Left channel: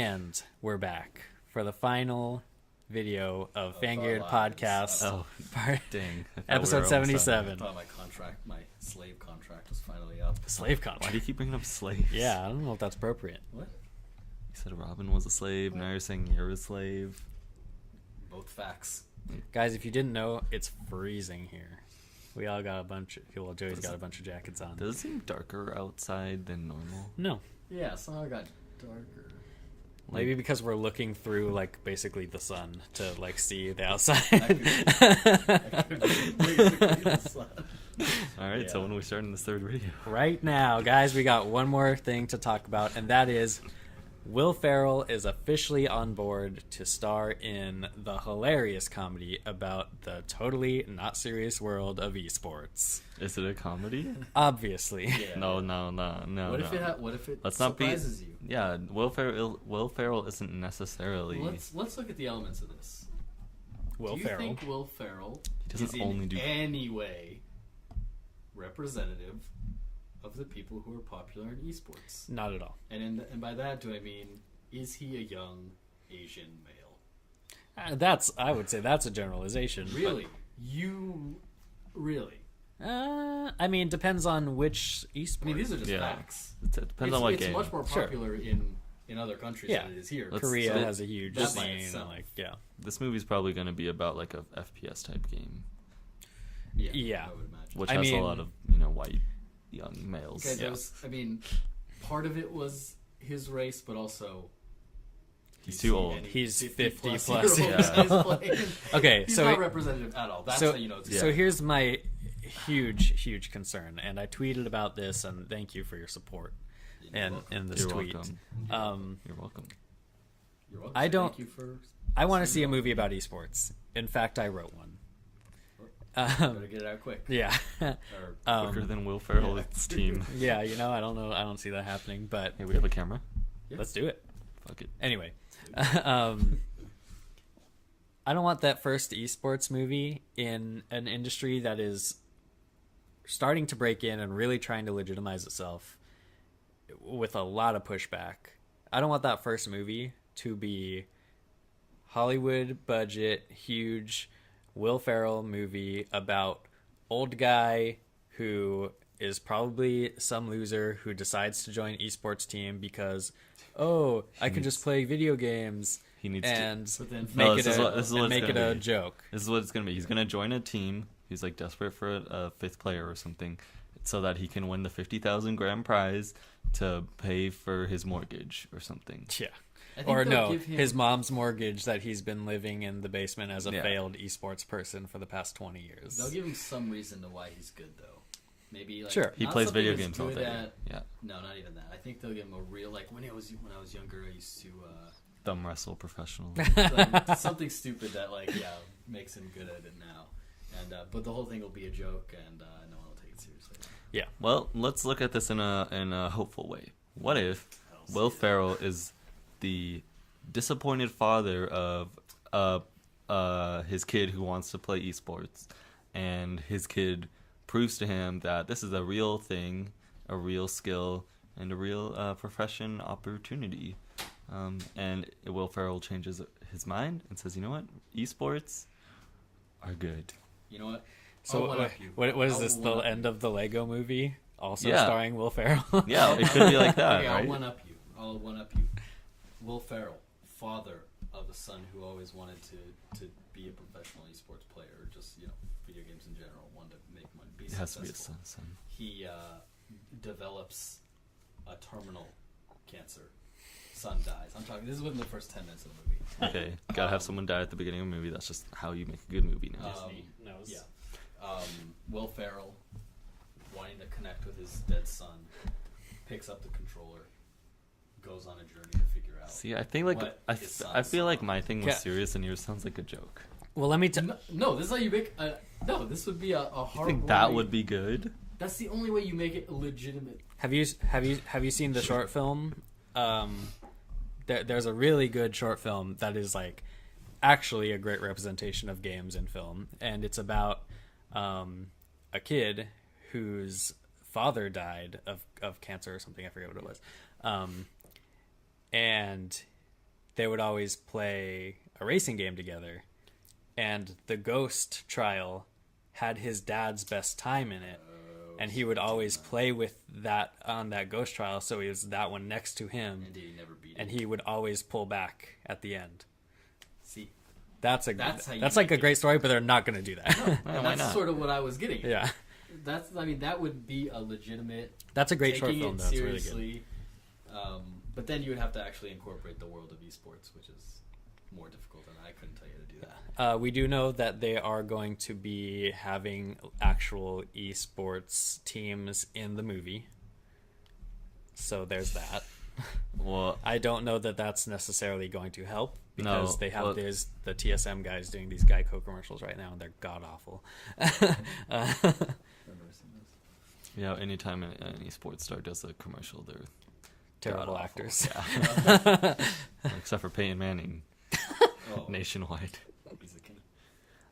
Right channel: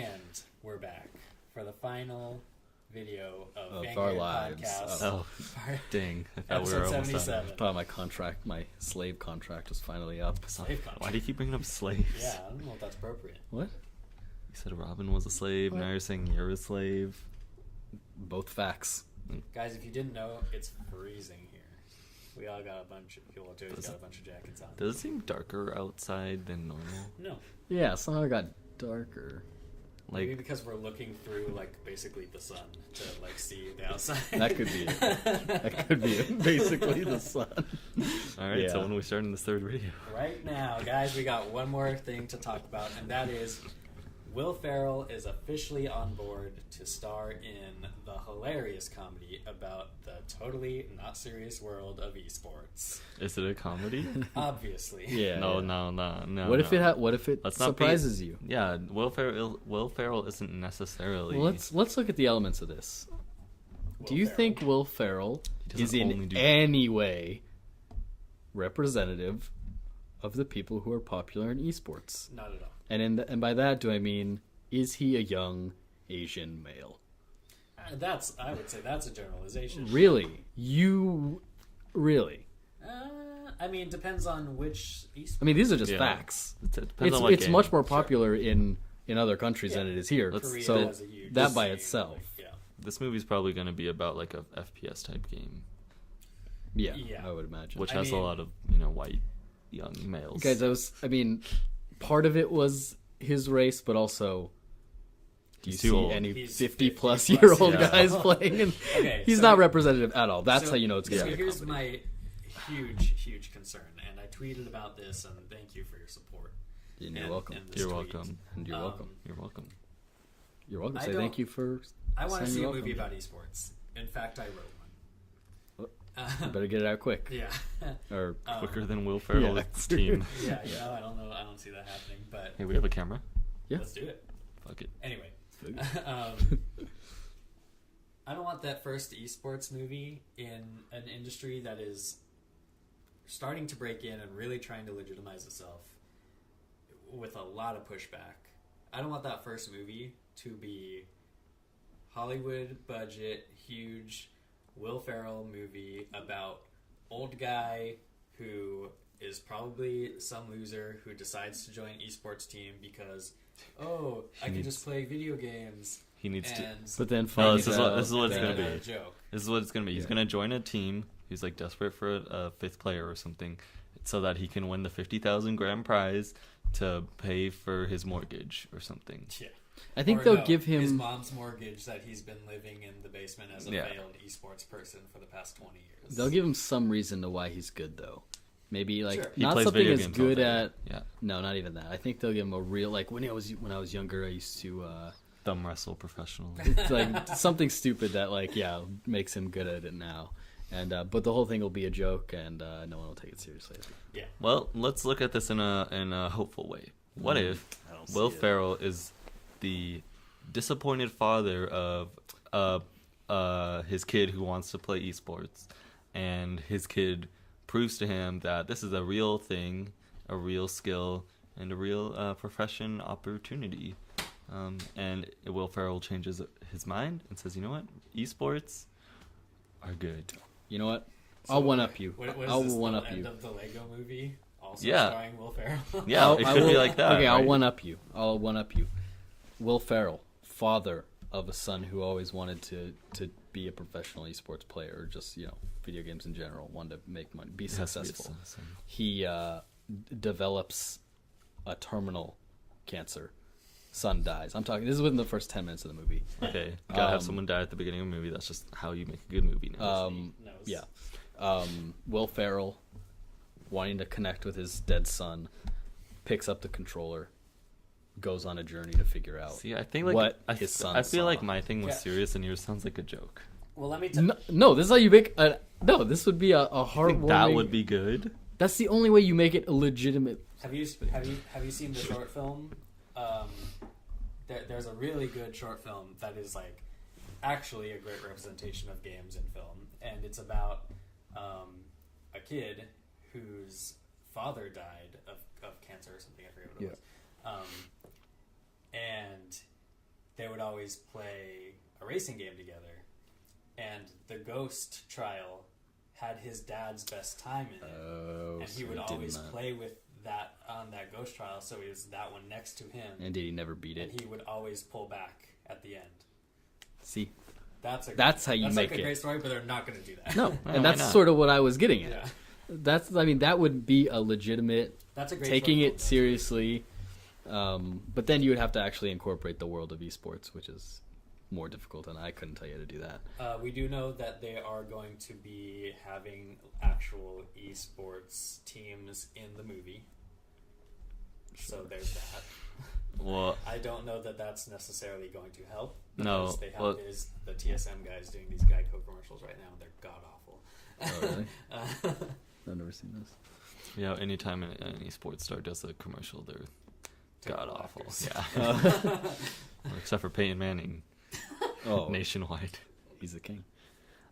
And we're back for the final video of Our Vanguard lives. Podcast. Dang. Episode 77. I thought my slave contract was finally up. Slave contract. Why do you keep bringing up slaves? Yeah, I don't know if that's appropriate. What? You said Robin was a slave, now you're saying you're a slave. Both facts. Guys, if you didn't know, it's freezing here. We all got a bunch of... Well, Joey's got a bunch of jackets on. Does it seem darker outside than normal? No. Yeah, somehow it got darker. Maybe because we're looking through, like, basically the sun to, like, see the outside. That could be basically the sun. All right, so Yeah. when are we starting this third video? Right now, guys, we got one more thing to talk about, and that is Will Ferrell is officially on board to star in the hilarious comedy about the totally not serious world of esports. Is it a comedy? Obviously. Yeah. No. What if it Let's not be- surprises you? Yeah, Will Ferrell isn't necessarily... Well, let's look at the elements of this. Do you think Will Ferrell is in any way representative of the people who are popular in esports? Not at all. And by that, do I mean, is he a young Asian male? I would say that's a generalization. Really? Really? I mean, depends on which esports. I mean, these are just facts. It depends on what It's game. much more popular in other countries than it is here. Korea So has a huge that by scene, itself. like, yeah. This movie's probably going to be about like a FPS type game, Yeah, I would imagine. which I has mean- a lot of white young males. Guys, part of it was his race, but also do you He's too see old. any He's 50 plus 50 year old yeah. guys playing? And Okay, he's so not representative at all. That's so, how you know it's good. So here's my huge concern, and I tweeted about this, and thank you for your support. You're welcome. In this You're tweet. welcome. You're welcome. You're welcome. You're welcome. I Say don't- Thank you for. I want to saying see a you're movie welcome. about esports. In fact, I wrote one. Better get it out quick. Yeah. Or Quicker than Will Ferrell's team. Yeah, I don't know. I don't see that happening, but Hey, we have a camera. Yeah. let's do it. Fuck it. Anyway, I don't want that first esports movie in an industry that is starting to break in and really trying to legitimize itself with a lot of pushback. I don't want that first movie to be Hollywood budget, huge Will Ferrell movie about old guy who is probably some loser who decides to join esports team because I can just play video games. He needs and But then No, make this it is what it's make gonna it a be. joke. This is what it's gonna be. He's gonna join a team. He's like desperate for a fifth player or something, so that he can win the 50,000 grand prize to pay for his mortgage or something. Yeah. I think Or they'll no, give him his mom's mortgage that he's been living in the basement as a Yeah. failed esports person for the past 20 years. They'll give him some reason to why he's good though. Maybe like Sure. He not plays something video as games all good day. at. Yeah. No, not even that. I think they'll give him a real like when I was younger. I used to Thumb wrestle professional. like something stupid that makes him good at it now. And but the whole thing will be a joke, and no one will take it seriously. Well, let's look at this in a hopeful way. What if I don't see Will it. Ferrell is the disappointed father of his kid who wants to play esports, and his kid proves to him that this is a real thing, a real skill, and a real profession opportunity. And Will Ferrell changes his mind and says, you know what? Esports are good. You know what? So I'll one up you. What is I'll this, the one-up end you. of the Lego movie? Also Yeah. starring Will Ferrell? Yeah, it could be like that. Okay, right? I'll one up you. Will Ferrell, father of a son who always wanted to be a professional esports player, or just video games in general, wanted to make money, be It has to be a successful. son. He develops a terminal cancer. Son dies. I'm talking. This is within the first 10 minutes of the movie. Okay, gotta have someone die at the beginning of a movie. That's just how you make a good movie now. Will Ferrell, wanting to connect with his dead son, picks up the controller, goes on a journey to figure out. See, I think like what his son I feel like saw. my thing was Yeah. serious and yours sounds like a joke. Well, let me No, this is how you make. No, this would be a I hard. think that would be good. That's the only way you make it a legitimate. Have you seen the short film? There's a really good short film that is like actually a great representation of games in film, and it's about a kid whose father died of cancer or something. I forget what it was. And they would always play a racing game together, and the Ghost trial had his dad's best time in it, and he would always play with that on that Ghost trial, so he was that one next to him. And did he never beat it? And he would always pull back at the end. See, that's how you that's like make a great story, but they're not going to do that. No, and why that's not? sort of what I was getting at. Yeah, That would be a legitimate. that's a great taking short film, it though. It's really good. seriously. But then you would have to actually incorporate the world of esports, which is more difficult, and I couldn't tell you how to do that. We do know that they are going to be having actual esports teams in the movie. So there's that. Well, I don't know that that's necessarily going to help because No, they have well- the TSM guys doing these Geico commercials right now, and they're god awful. I've never seen this. yeah, anytime an esports star does a commercial, they're Terrible god-awful. actors. Yeah. Except for Peyton Manning, Oh, nationwide. he's the king.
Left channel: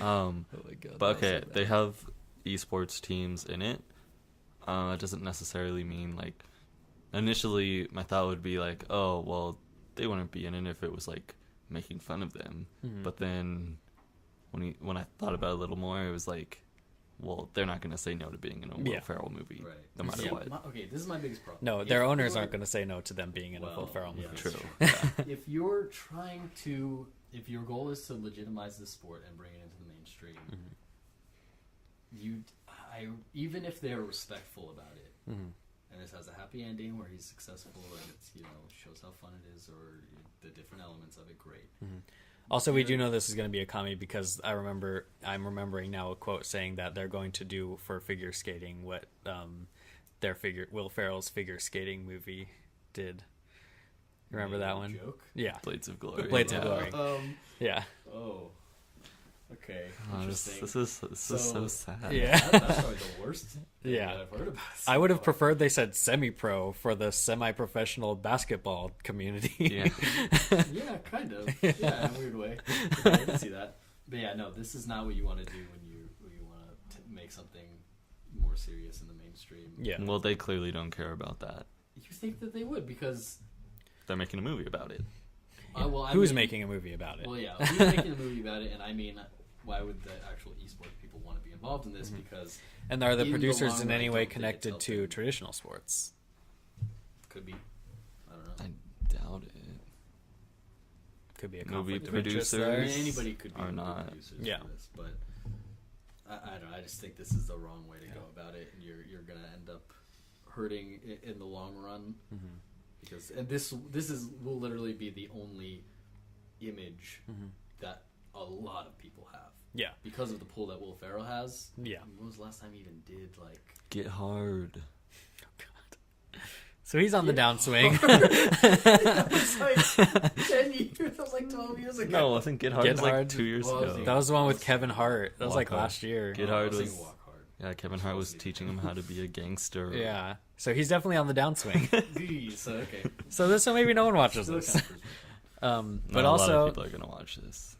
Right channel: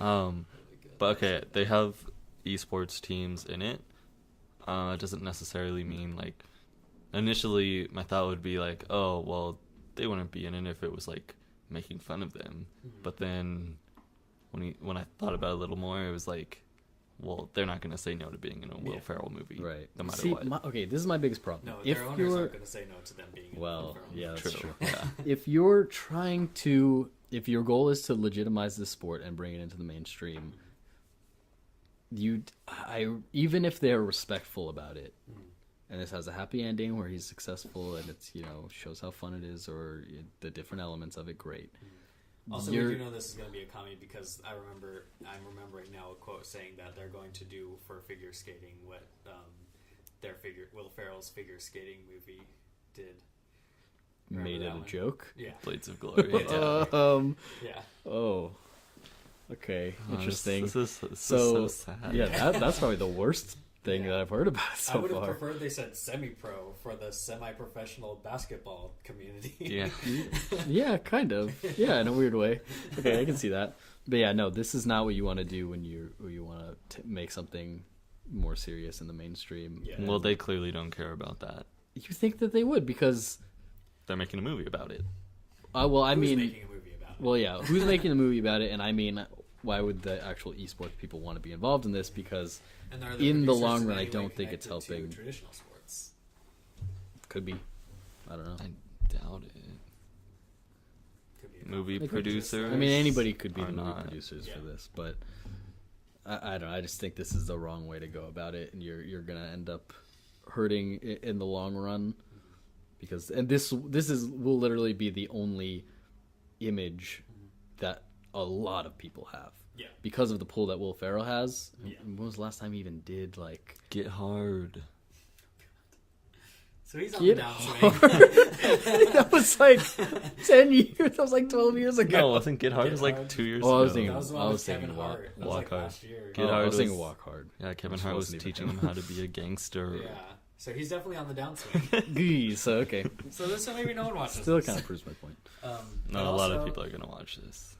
Oh my God, But okay, they have esports teams in it. It doesn't necessarily mean like. Initially, my thought would be like, oh, well, they wouldn't be in it if it was like making fun of them. Mhm. But then, when I thought about it a little more, it was like, well, they're not going to say no to being in a Will Yeah. Ferrell movie, Right. no matter See, what. okay, this is my biggest problem. No, If their owners you're- aren't going to say no to them being in a Well, Will Ferrell yeah, movie. that's True. true. Yeah. If you're trying to, if your goal is to legitimize the sport and bring it into the mainstream, even if they're respectful about it, Mhm. and this has a happy ending where he's successful and it's shows how fun it is or the different elements of it, great. Also, we You're- do know this is going to be a comedy because I'm remembering now a quote saying that they're going to do for figure skating what Will Ferrell's figure skating movie did. Remember Made that it a one? joke. Yeah, Blades of Glory. Blades of Glory. Yeah. Oh, okay, interesting. This is so sad. Yeah, that's probably the worst thing Yeah. that I've heard about. So I would have far. preferred they said semi-pro for the semi-professional basketball community. Yeah. Yeah, kind of. Yeah, in a weird way. Okay, I can see that. But yeah, no, this is not what you want to do when you want to make something more serious in the mainstream. Yeah. Well, they clearly don't care about that. You think that they would because, They're making a movie about it. well, I Who's mean, making a movie about it? well, yeah, who's making a movie about it? And I mean, why would the actual esports people want to be involved in this? Because and are the in the producers long in run, I any way don't think it's connected to helping. traditional sports? could be, I don't know. I doubt it. Could be a Movie conflict of interest producer? there. I mean, anybody could be Are movie not. producers Yeah. for this, but I don't know. I just think this is the wrong way to go about it, and you're gonna end up hurting in the long run because this will literally be the only image that a lot of people have Yeah. because of the pull that Will Ferrell has. Yeah. When was the last time he even did like? Get Hard. So he's on Get the downswing. That was like 10 years. That was like 12 years ago. No, I think Get Hard Get was like Hard. 2 years Oh, I was ago. thinking- That was the I one was with Kevin thinking Hart. That was Walk like Hard. last year. Get I Hard was thinking was- Walk Hard. Yeah, Kevin Which Hart was wasn't even teaching him. him how to be a gangster. Yeah. So he's definitely on the downswing. So okay, So this one maybe no one watches still this. kind of proves my point. But Not a also, lot of people are gonna watch this.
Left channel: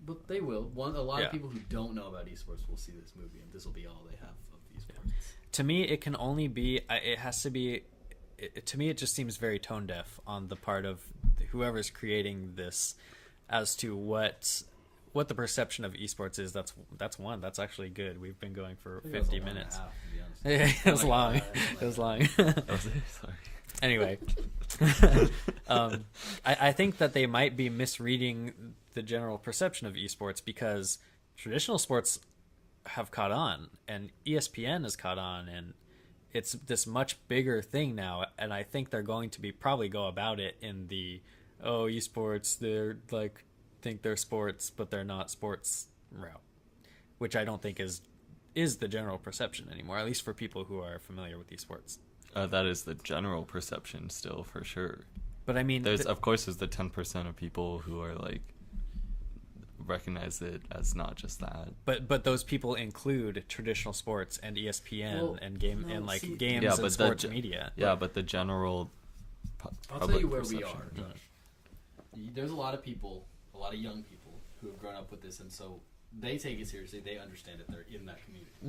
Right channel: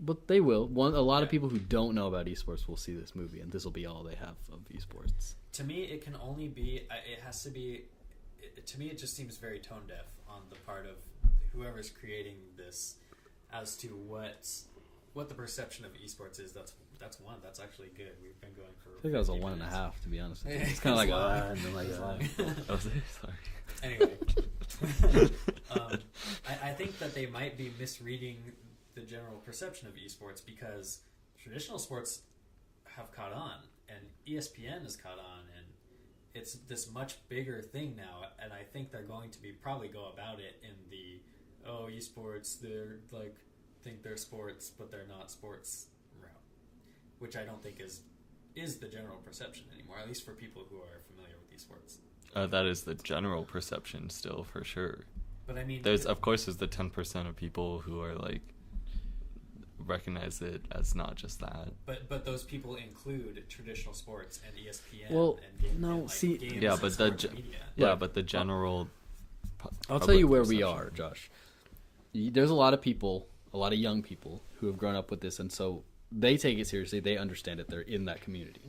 But they will. A lot Yeah. of people who don't know about esports will see this movie, and this will be all they have of esports. to me, it can only be. It has to be. To me, it just seems very tone deaf on the part of whoever's creating this, as to what the perception of esports is. That's one. That's actually good. We've been going for I think that was 50 a 1.5, minutes. to be honest. Yeah, It's it kinda was like, long. and then It was like, long. Oh, sorry. Anyway, I think that they might be misreading the general perception of esports because traditional sports have caught on and ESPN has caught on and it's this much bigger thing now, and I think they're going to be probably go about it in the esports, they're like think they're sports but they're not sports route, which I don't think is the general perception anymore, at least for people who are familiar with esports. That is the general perception still, for sure. But I mean, There's of course there's the 10% of people who are like recognize it as not just that. But those people include traditional sports and ESPN Well, and games no, and see- games Yeah, and but sports the media. Yeah, but the general. I'll tell you where we perception. are, Josh. There's a lot of people, a lot of young people who have grown up with this, and so they take it seriously. They understand it. They're in that community.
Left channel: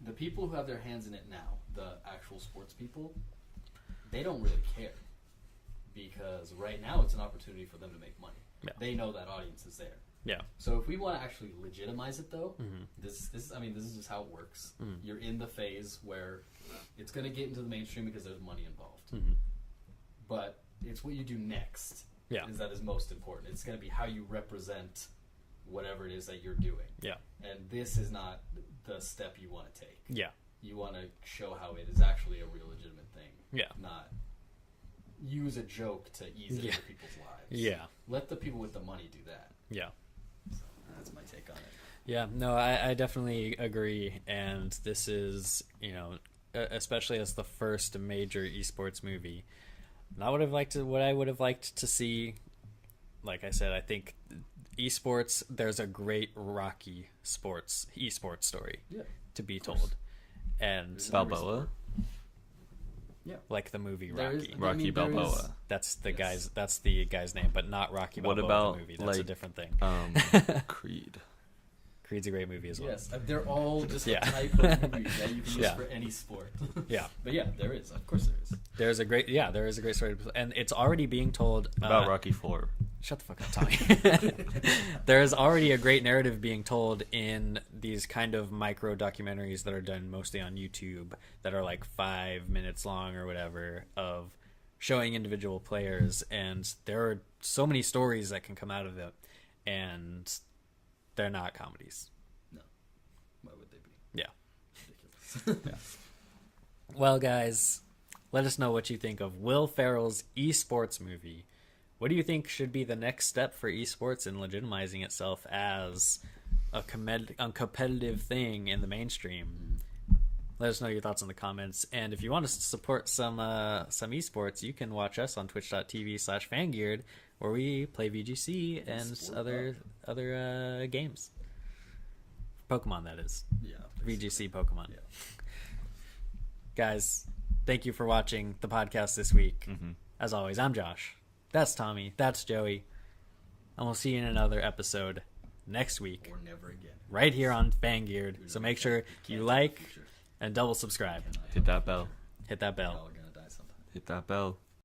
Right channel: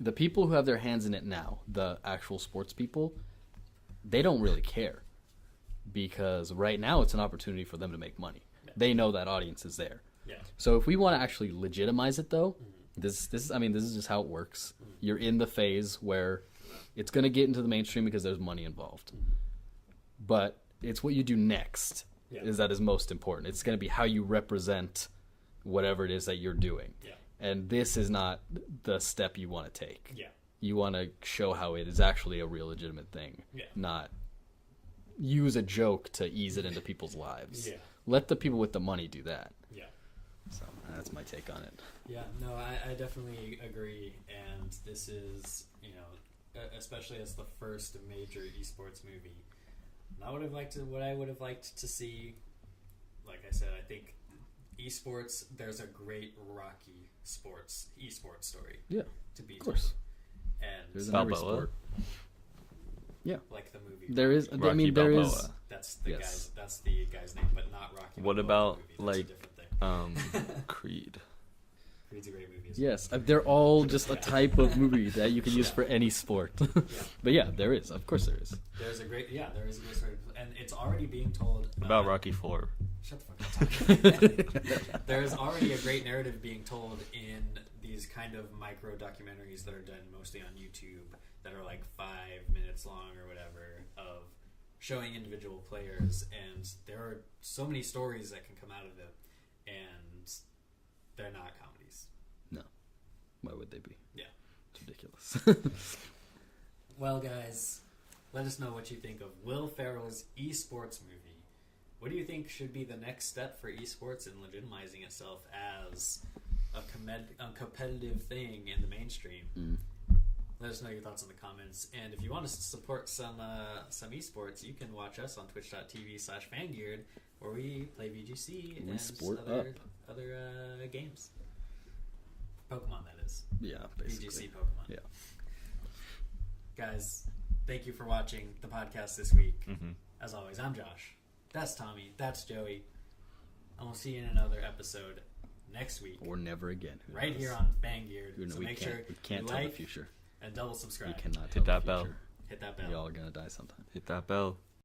The people who have their hands in it now, the actual sports people, they don't really care. because right now it's an opportunity for them to make money. Yeah. They know that audience is there. Yeah. So if we want to actually legitimize it, though, this is just how it works. You're in the phase where it's going to get into the mainstream because there's money involved. But it's what you do next that is most important. It's going to be how you represent whatever it is that you're doing. Yeah. And this is not the step you want to take. Yeah. You want to show how it is actually a real legitimate thing. Yeah. Not use a joke to ease it into people's lives. Yeah. Let the people with the money do that. Yeah. So that's my take on it. Yeah, no, I definitely agree. And this is, especially as the first major esports movie, what I would have liked to see, like I said, I think esports, there's a great Rocky esports story to be told. And There's an every Balboa? sport. Yeah. like the movie There is. Rocky. Rocky there is- Balboa. That's the Yes. guy's name, but not Rocky What Balboa, about, the movie. That's a like, different thing. Creed. Creed's a great movie as well. Yes, they're all just Yeah. a type of movie that you can use Yeah. for any sport. Yeah. But yeah, there is. Of course, there is. There is a great story, and it's already being told About Rocky 4. Shut the fuck up, Tommy. There is already a great narrative being told in these kind of micro documentaries that are done mostly on YouTube that are like 5 minutes long or whatever of showing individual players, and there are so many stories that can come out of it, and they're not comedies. No. Why would they be? Yeah. It's ridiculous. Well, guys, let us know what you think of Will Ferrell's esports movie. What do you think should be the next step for esports in legitimizing itself as a competitive thing in the mainstream? Let us know your thoughts in the comments. And if you want us to support some esports, you can watch us on twitch.tv/fangeared, where we play VGC and Sport other games. Pokemon, that is. Yeah. basically. VGC Pokemon. Yeah. Guys, thank you for watching the podcast this week. As always, I'm Josh. That's Tommy. That's Joey. And we'll see you in another episode next week. Or never again. Right here on Fangeared. So make sure you like and double subscribe. Cannot Hit that bell. Hit that bell. Y'all are gonna die sometime. Hit that bell.